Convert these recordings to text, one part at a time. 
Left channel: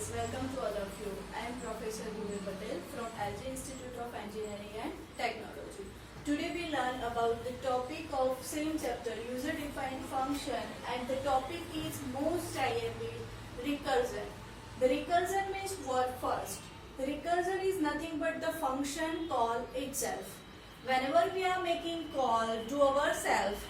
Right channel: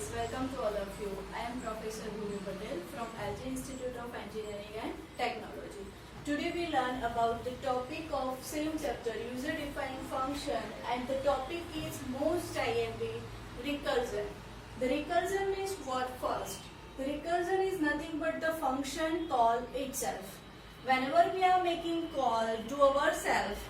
guys, welcome to all of you. I am Professor Bhumi Patel from LG Institute of Engineering and Technology. Today we learn about the topic of same chapter, user defined function, and the topic is most IMP, recursion. The recursion means what first? The recursion is nothing but the function call itself. Whenever we are making call to ourselves,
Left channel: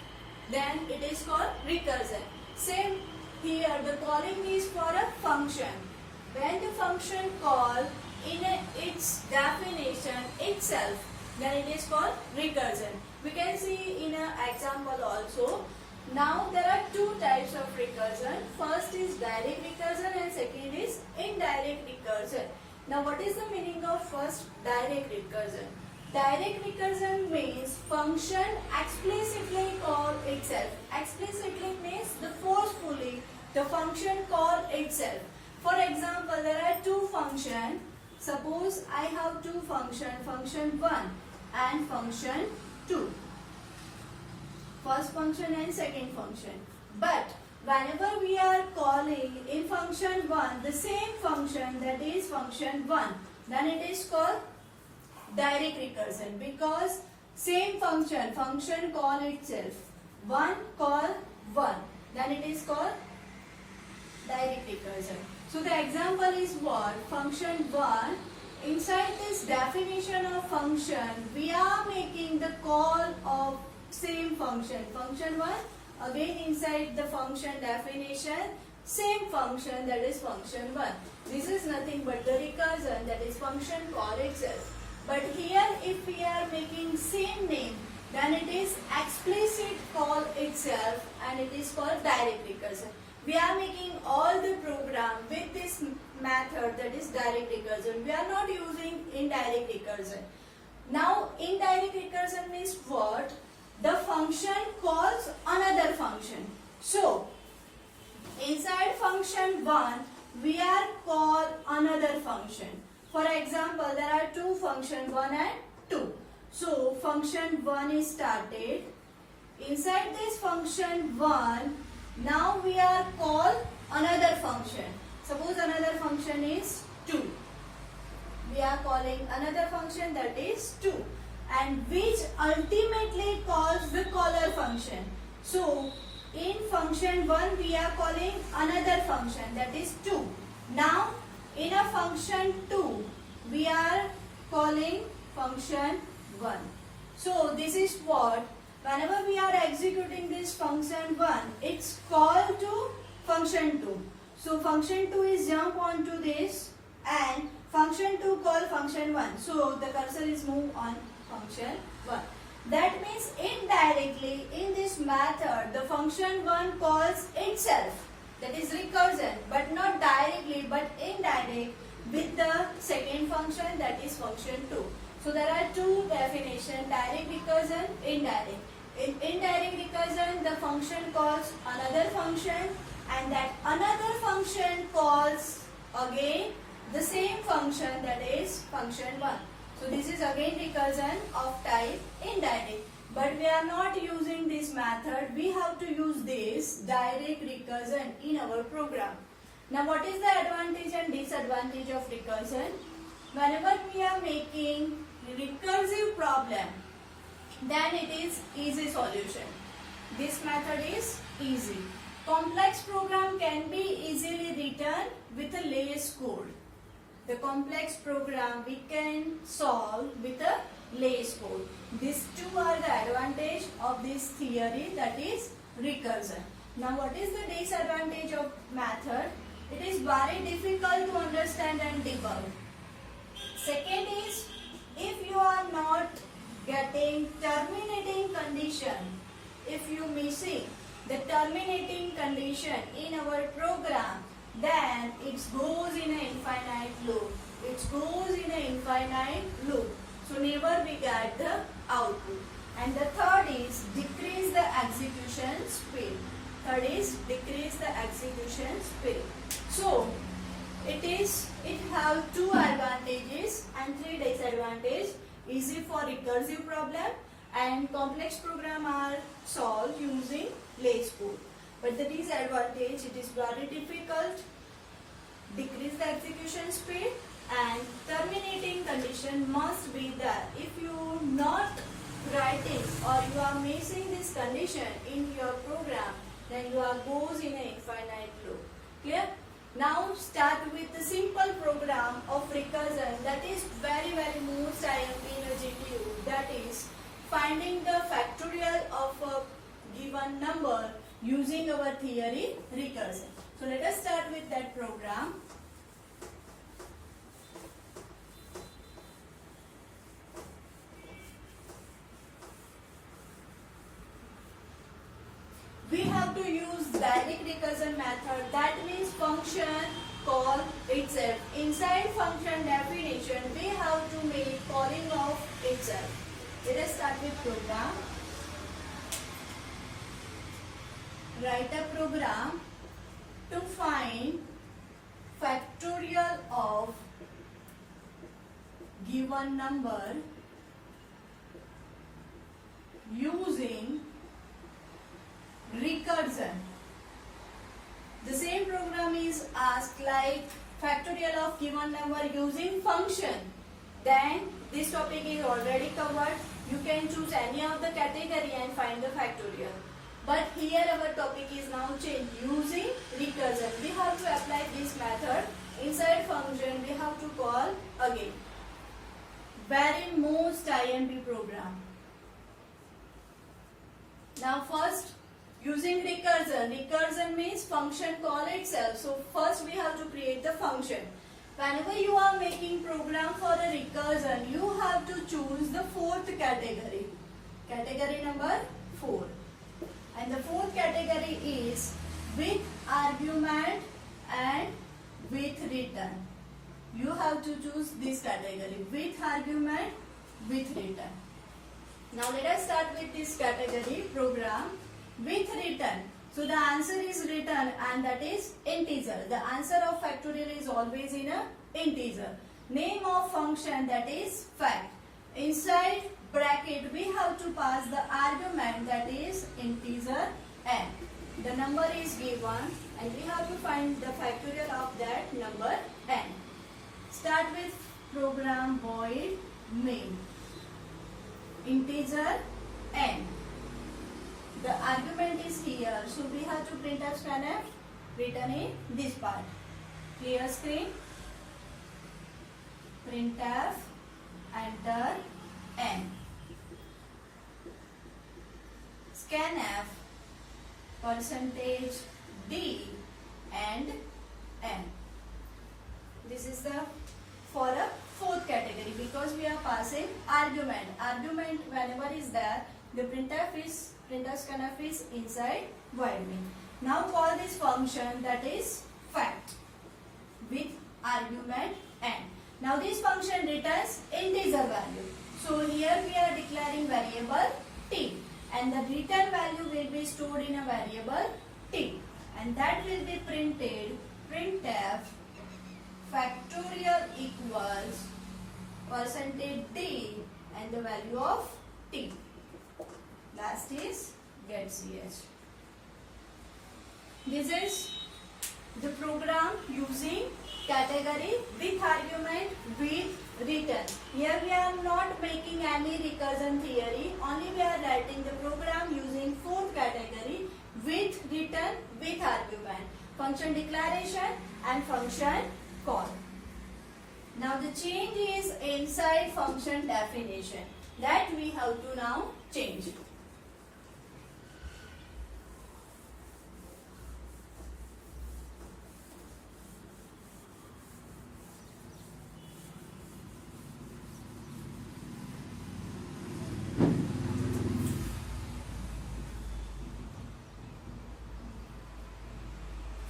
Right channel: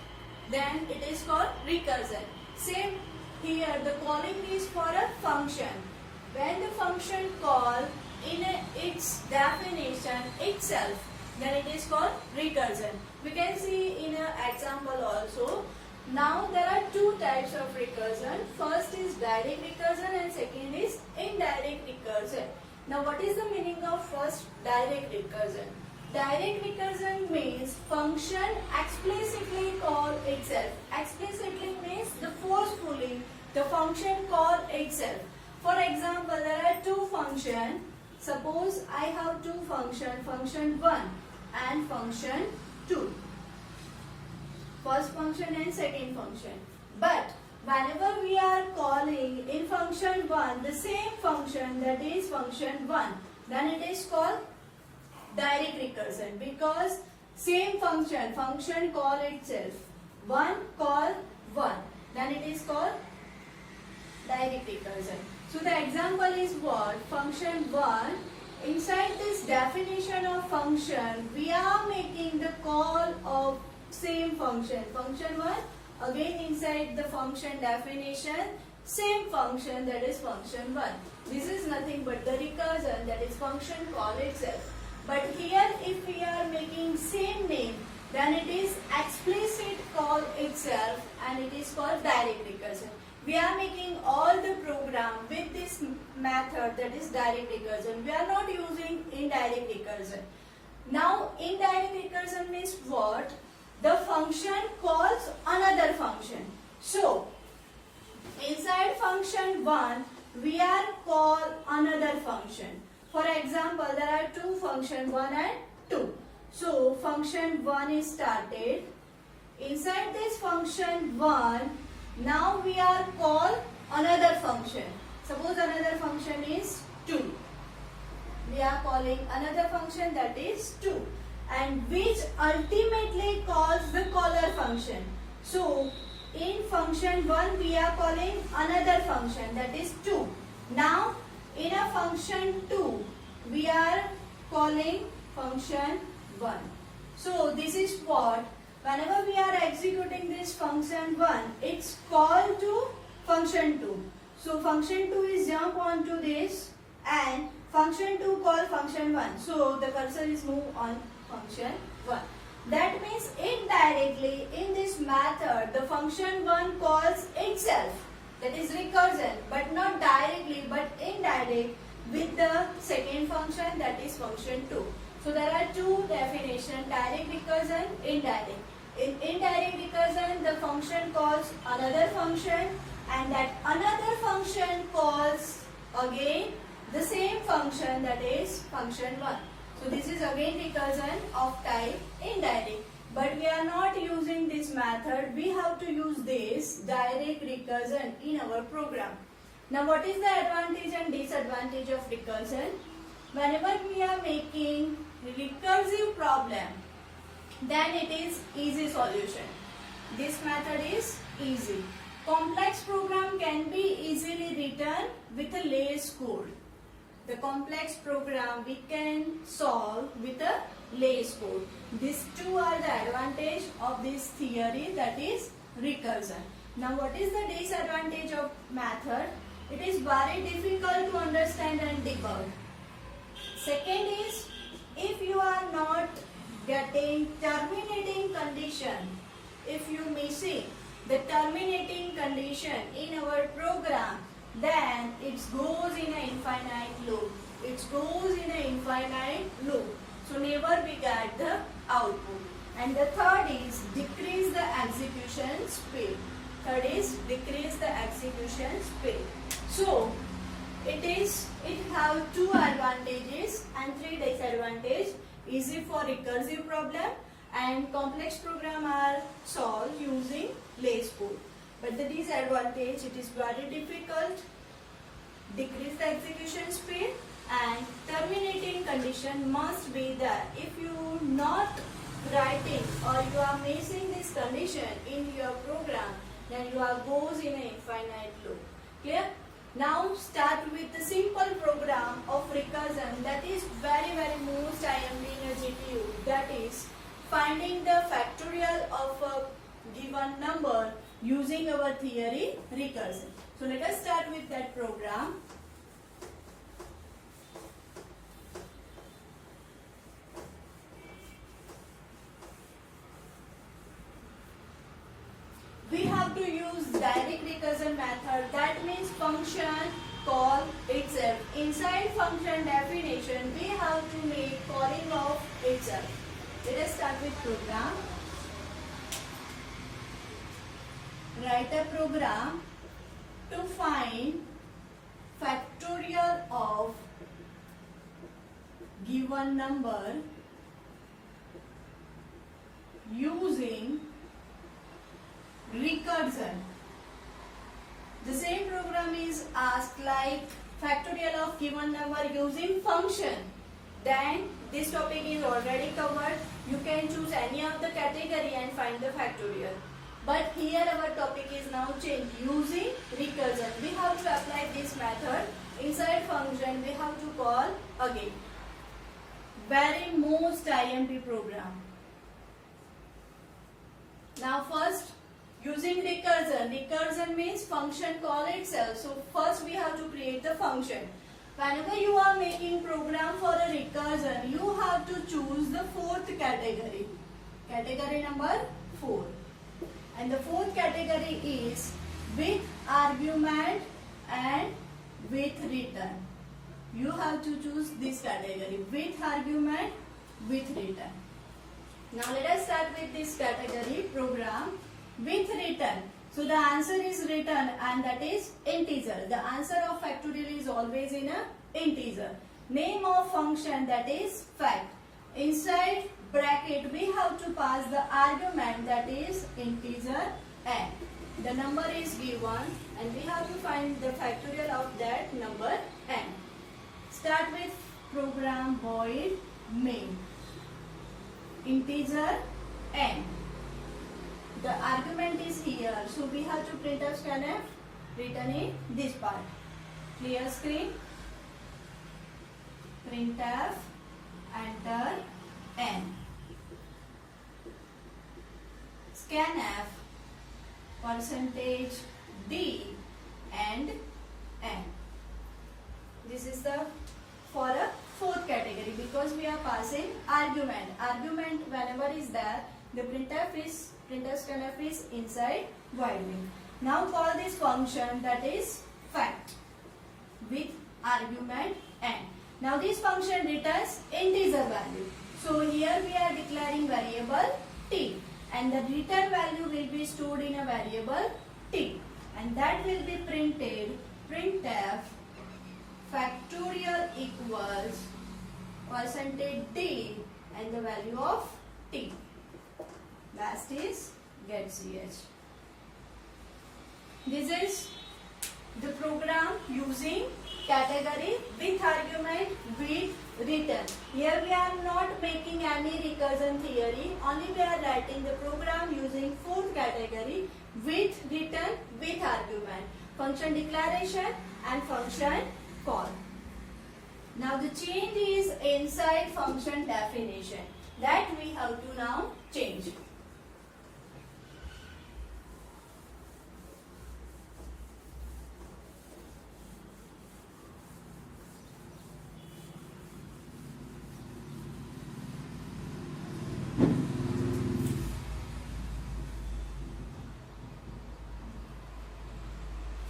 then it is called recursion. Same here, the calling is for a function. When the function call in its definition itself, then it is called recursion. We can see in an example also. Now there are two types of recursion. First is direct recursion and second is indirect recursion. Now what is the meaning of first direct recursion? Direct recursion means function explicitly call itself. Explicitly means the forcefully the function call itself. For example, there are two functions. Suppose I have two functions, function 1 and function 2. First function and second function. But whenever we are calling in function 1 the same function, that is function 1, then it is called direct recursion, because same function call itself, 1 call 1, then it is called direct recursion. So the example is what? Function 1, inside this definition of function we are making the call of same function, function 1, again inside the function definition same function, that is function 1. This is nothing but the recursion, that is function call itself. But here if we are making same name, then it is explicit call itself and it is called direct recursion. We are making all the program with this method, that is direct recursion. We are not using indirect recursion. Now indirect recursion means what? The function calls another function. So inside function 1 we are call another function. For example, there are two functions 1 and 2. So function 1 is started. Inside this function 1, now we are call another function. Suppose another function is 2. We are calling another function, that is 2, and which ultimately calls the caller function. So in function 1 we are calling another function, that is 2. Now in a function 2 we are calling function 1. So this is what? Whenever we are executing this function 1, it's called to function 2. So function 2 is jump onto this and function 2 call function 1. So the cursor is move on function 1. That means indirectly in this method the function 1 calls itself, that is recursion, but not directly but indirect with the second function, that is function 2. So there are two definitions, direct recursion, indirect. In indirect recursion the function calls another function and that another function calls again the same function, that is function 1. So this is again recursion of type indirect. But we are not using this method. We have to use this direct recursion in our program. Now what is the advantage and disadvantage of recursion? Whenever we are making recursive problem, then it is easy solution. This method is easy. Complex program can be easily written with a less code. The complex program we can solve with a less code. These two are the advantage of this theory, that is recursion. Now what is the disadvantage of method? It is very difficult to understand and debug. Second is, if you are not getting terminating condition, if you missing the terminating condition in our program, then it goes in an infinite loop. It goes in an infinite loop. So never we get the output. And the third is decrease the execution speed. Third is decrease the execution speed. So it have two advantages and three disadvantages. Easy for recursive problem and complex program are solved using less code. But the disadvantage, it is very difficult decrease the execution speed, and terminating condition must be there. If you not writing or you are missing this condition in your program, then you are goes in an infinite loop. Clear? Now start with the simple program of recursion that is very most IMP in a GTU, that is finding the factorial of a given number using our theory recursion. So let us start with that program. We have to use direct recursion method, that means function call itself. Inside function definition, we have to make calling of itself. Let us start with program. Write a program to find factorial of given number using recursion. The same program is asked like factorial of given number using function. Then this topic is already covered. You can choose any of the category and find the factorial. But here our topic is now changed using recursion. We have to apply this method inside function. We have to call again. Very most IMP program. Now first, using recursion. Recursion means function call itself. So first we have to create the function. Whenever you are making program for a recursion, you have to choose the fourth category. Category number 4. And the fourth category is with argument and with return. You have to choose this category, with argument, with return. Now let us start with this category program with return. So the answer is written and that is integer. The answer of factorial is always in a integer. Name of function, that is fact. Inside bracket we have to pass the argument, that is integer n. The number is given and we have to find the factorial of that number n. Start with program void main. Integer n. The argument is here, so we have to print out scanf written in this part. Clear screen. Printf enter n. Scanf %d and n. This is the for a fourth category because we are passing argument. Argument whenever is there, the printf scanf is inside void main. Now call this function, that is fact, with argument n. Now this function returns integer value. So here we are declaring variable t and the return value will be stored in a variable t and that will be printed printf factorial equals %d and the value of t. Last is get ch. This is the program using category with argument with return. Here we are not making any recursion theory, only we are writing the program using fourth category with return with argument, function declaration and function call. Now the change is inside function definition, that we have to now change.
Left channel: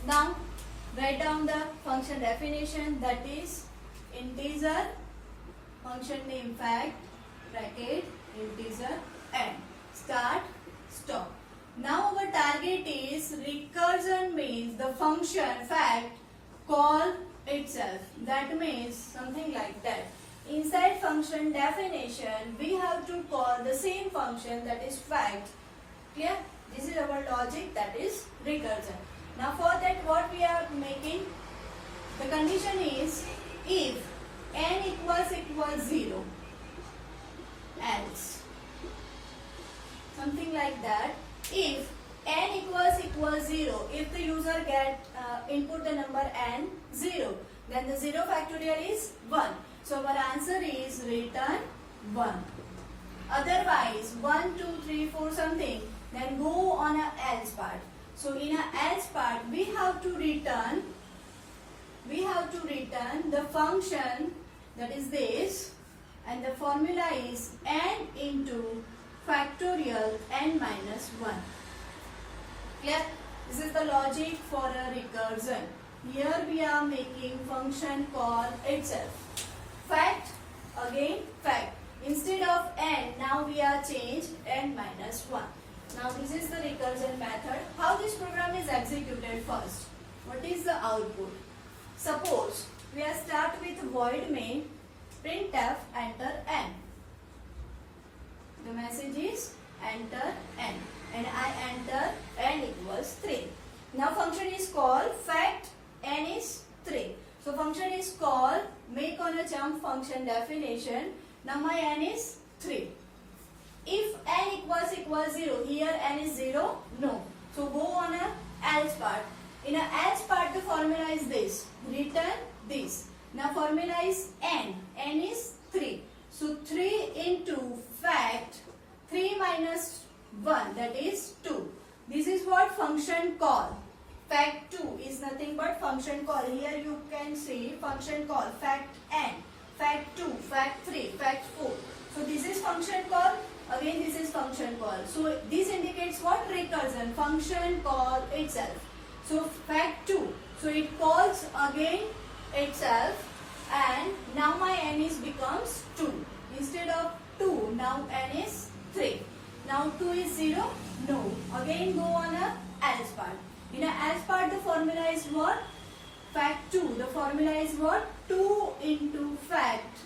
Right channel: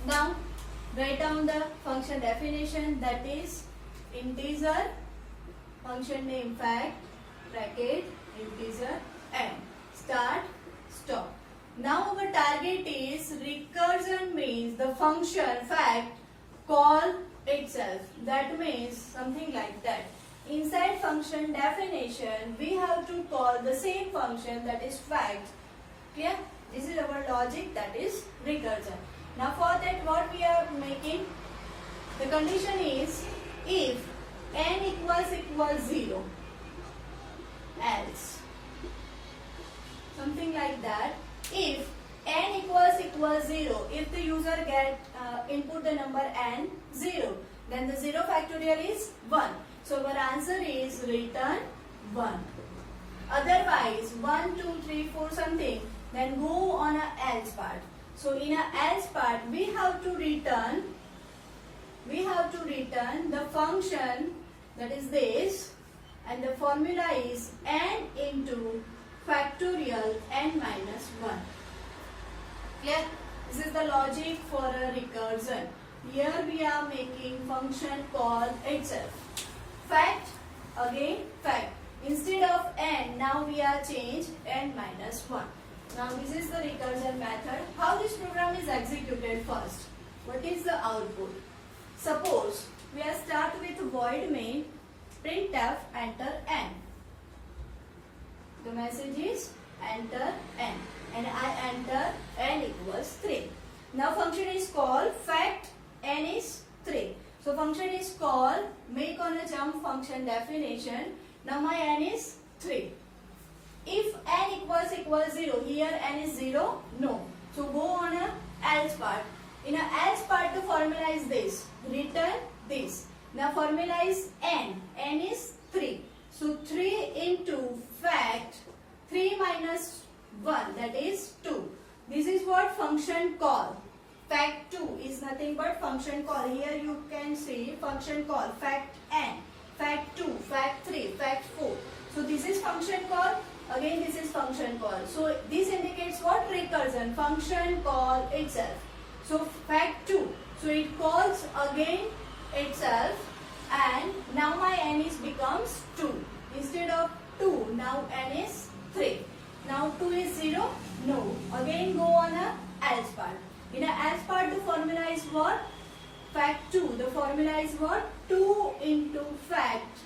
Now write down the function definition, that is integer, function name fact, bracket, integer n, start, stop. Now our target is recursion, means the function fact call itself. That means something like that. Inside function definition we have to call the same function, that is fact. Clear? This is our logic, that is recursion. Now for that what we are making? The condition is if n equals 0, else something like that. If n equals 0, if the user input the number n 0, then the 0 factorial is 1. So our answer is return 1. Otherwise 1, 2, 3, 4 something, then go on a else part. So in a else part we have to return the function, that is this, and the formula is n into factorial n minus 1. Clear? This is the logic for a recursion. Here we are making function call itself. Fact, again fact. Instead of n, now we are changed n minus 1. Now this is the recursion method. How this program is executed first? What is the output? Suppose we are start with void main printf enter n. The message is enter n, and I enter n equals 3. Now function is called fact n is 3. So function is called make on a jump function definition. Now my n is 3. If n equals 0, here n is 0, no. So go on a else part. In a else part the formula is this, return this. Now formula is n is 3. So 3 into fact 3 minus 1, that is 2. This is what function call. Fact 2 is nothing but function call. Here you can see function call fact n, fact 2, fact 3, fact 4. So this is function call. Again this is function call. So this indicates what? Recursion. Function call itself. So fact 2. So it calls again itself, and now my n is becomes 2. Instead of 2, now n is 3. Now 2 is 0? No. Again go on a else part. In a else part the formula is what? Fact 2. The formula is what? 2 into fact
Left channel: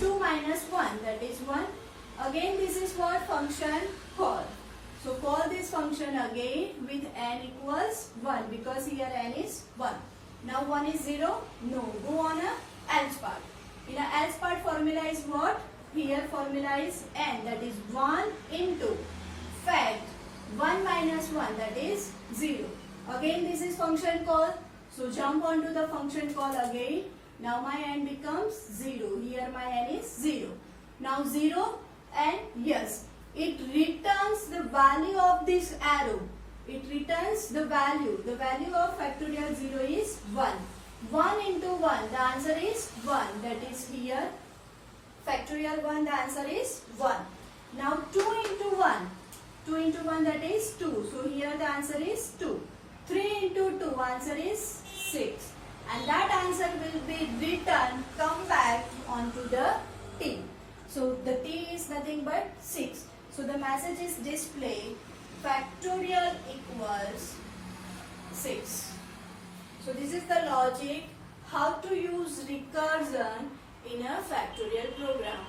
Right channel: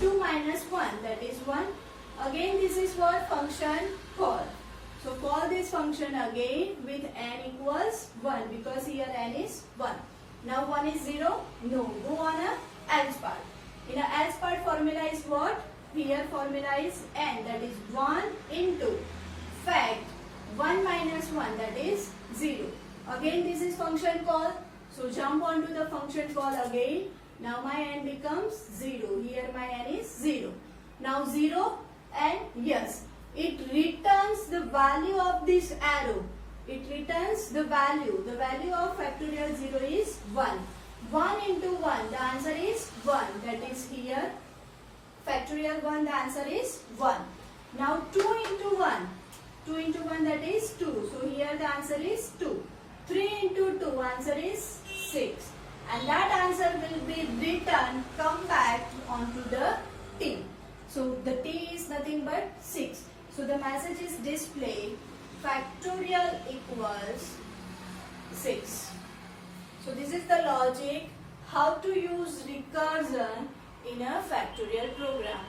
2 minus 1, that is 1. Again this is what? Function call. So call this function again with n equals 1, because here n is 1. Now 1 is 0? No. Go on a else part. In a else part formula is what? Here formula is n, that is 1 into fact 1 minus 1, that is 0. Again this is function call. So jump onto the function call again. Now my n becomes 0. Here my n is 0. Now 0 and yes, it returns the value of this arrow. It returns the value. The value of factorial 0 is 1. 1 into 1, the answer is 1. That is here factorial 1, the answer is 1. Now 2 into 1. 2 into 1, that is 2. So here the answer is 2. 3 into 2, answer is 6. And that answer will be returned, come back onto the T. So the T is nothing but 6. So the message is displayed factorial equals 6. So this is the logic how to use recursion in a factorial program.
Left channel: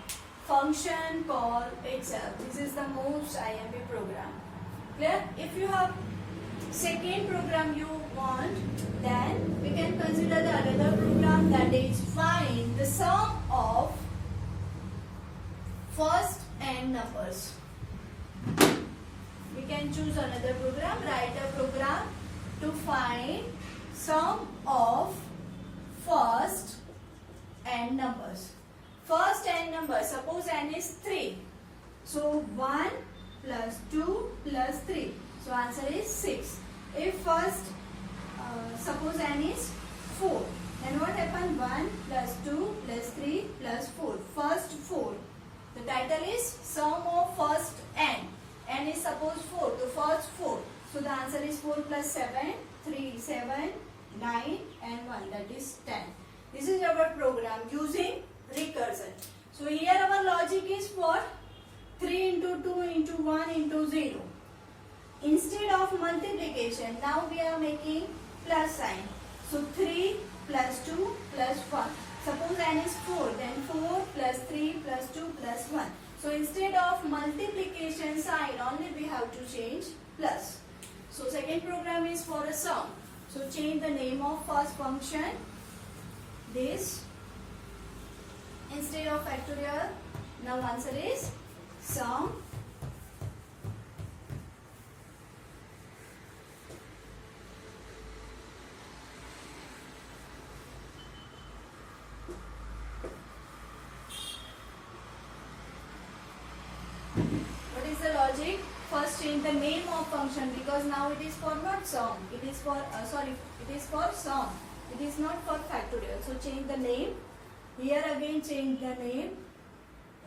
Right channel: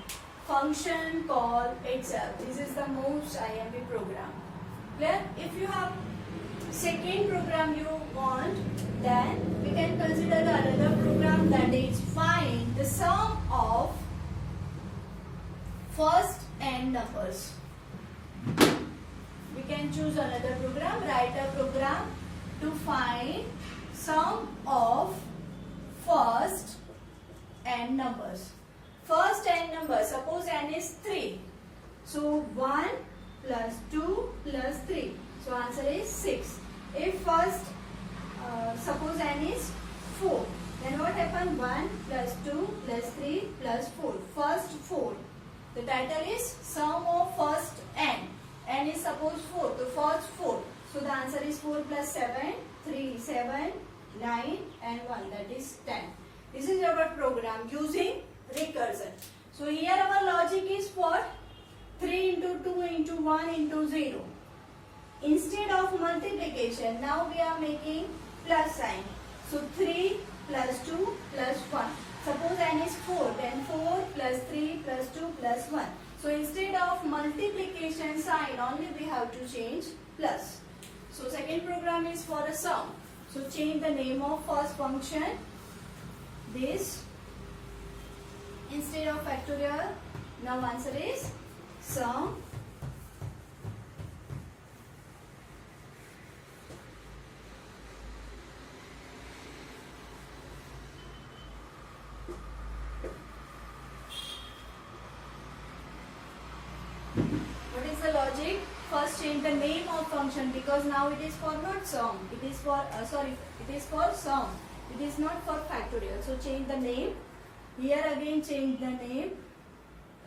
Function call itself. This is the most IMP program. Clear? If you have second program you want, then we can consider the another program, that is find the sum of first n numbers. We can choose another program, write a program to find sum of first n numbers. First n number, suppose n is 3. So 1 plus 2 plus 3. So answer is 6. If first, suppose n is 4. Then what happened? 1 plus 2 plus 3 plus 4. First 4. The title is sum of first n. N is suppose 4. So first 4. So the answer is 4 plus 7. 3, 7, 9 and 1. That is 10. This is our program using recursion. So here our logic is what? 3 into 2 into 1 into 0. Instead of multiplication, now we are making plus sign. So 3 plus 2 plus 1. Suppose n is 4, then 4 plus 3 plus 2 plus 1. So instead of multiplication sign, only we have to change plus. So second program is for a sum. So change the name of first function this instead of factorial. Now answer is sum. What is the logic? First change the name of function, because now it is for not sum. It is for it is for sum. It is not for factorial. So change the name. Here again change the name.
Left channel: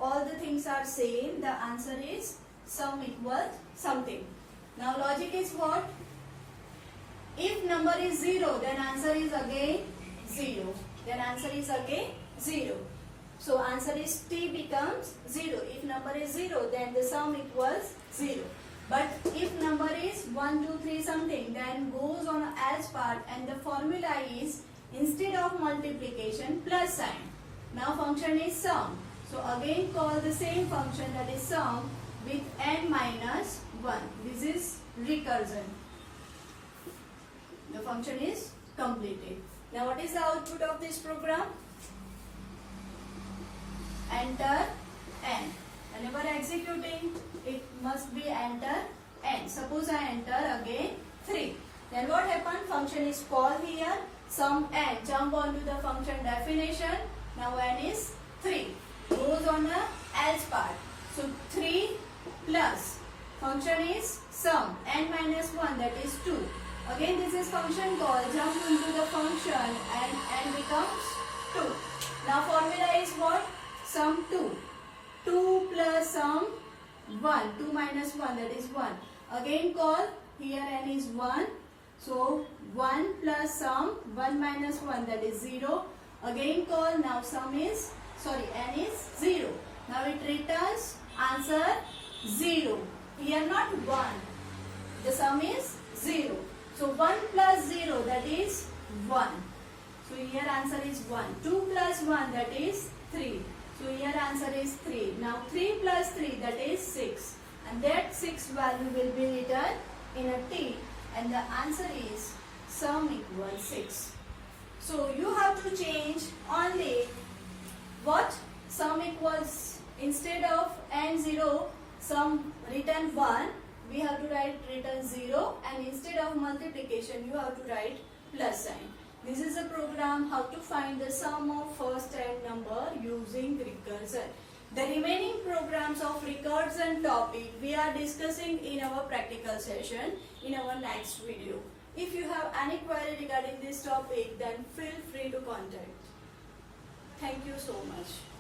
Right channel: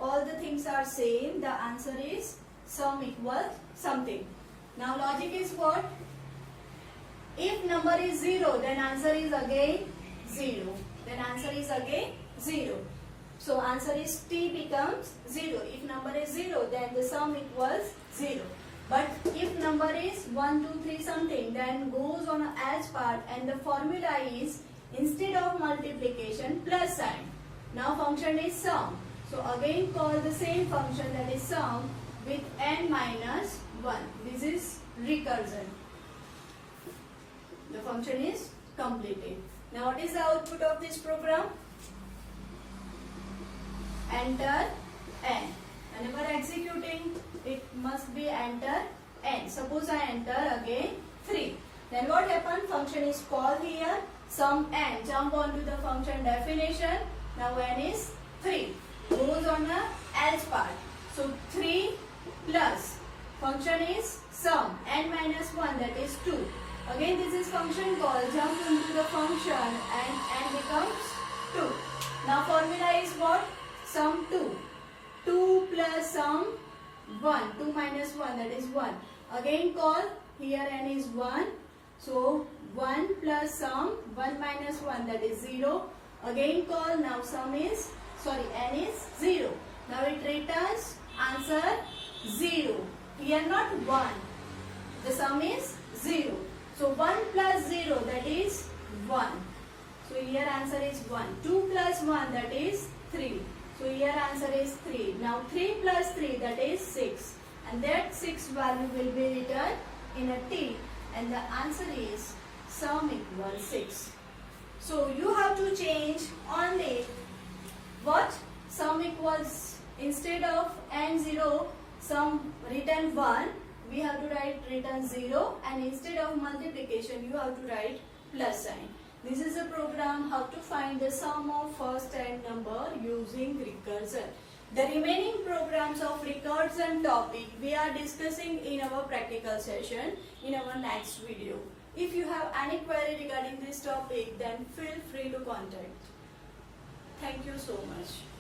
All the things are same. The answer is sum equals something. Now logic is what? If number is 0, then answer is again 0. Then answer is again 0. So answer is t becomes 0. If number is 0, then the sum equals 0. But if number is 1, 2, 3 something, then goes on a as part, and the formula is instead of multiplication plus sign. Now function is sum. So again call the same function, that is sum, with n minus 1. This is recursion. The function is completed. Now what is the output of this program? Enter n. Whenever executing, it must be enter n. Suppose I enter again 3. Then what happened? Function is called here. Sum n. Jump onto the function definition. Now n is 3. Goes on a else part. So 3 plus function is sum n minus 1, that is 2. Again this is function call. Jump into the function and n becomes 2. Now formula is what? Sum 2. 2 plus sum 1. 2 minus 1, that is 1. Again call. Here n is 1. So 1 plus sum 1 minus 1, that is 0. Again call. Now sum is n is 0. Now it returns answer 0. Here not 1. The sum is 0. So 1 plus 0, that is 1. So here answer is 1. 2 plus 1, that is 3. So here answer is 3. Now 3 plus 3, that is 6. And that 6 value will be written in a t. And the answer is sum equals 6. So you have to change only what? Sum equals, instead of n0, sum written 1, we have to write written 0, and instead of multiplication, you have to write plus sign. This is a program how to find the sum of first n number using recursion. The remaining programs of recursion topic we are discussing in our practical session in our next video. If you have any query regarding this topic, then feel free to contact. Thank you so much.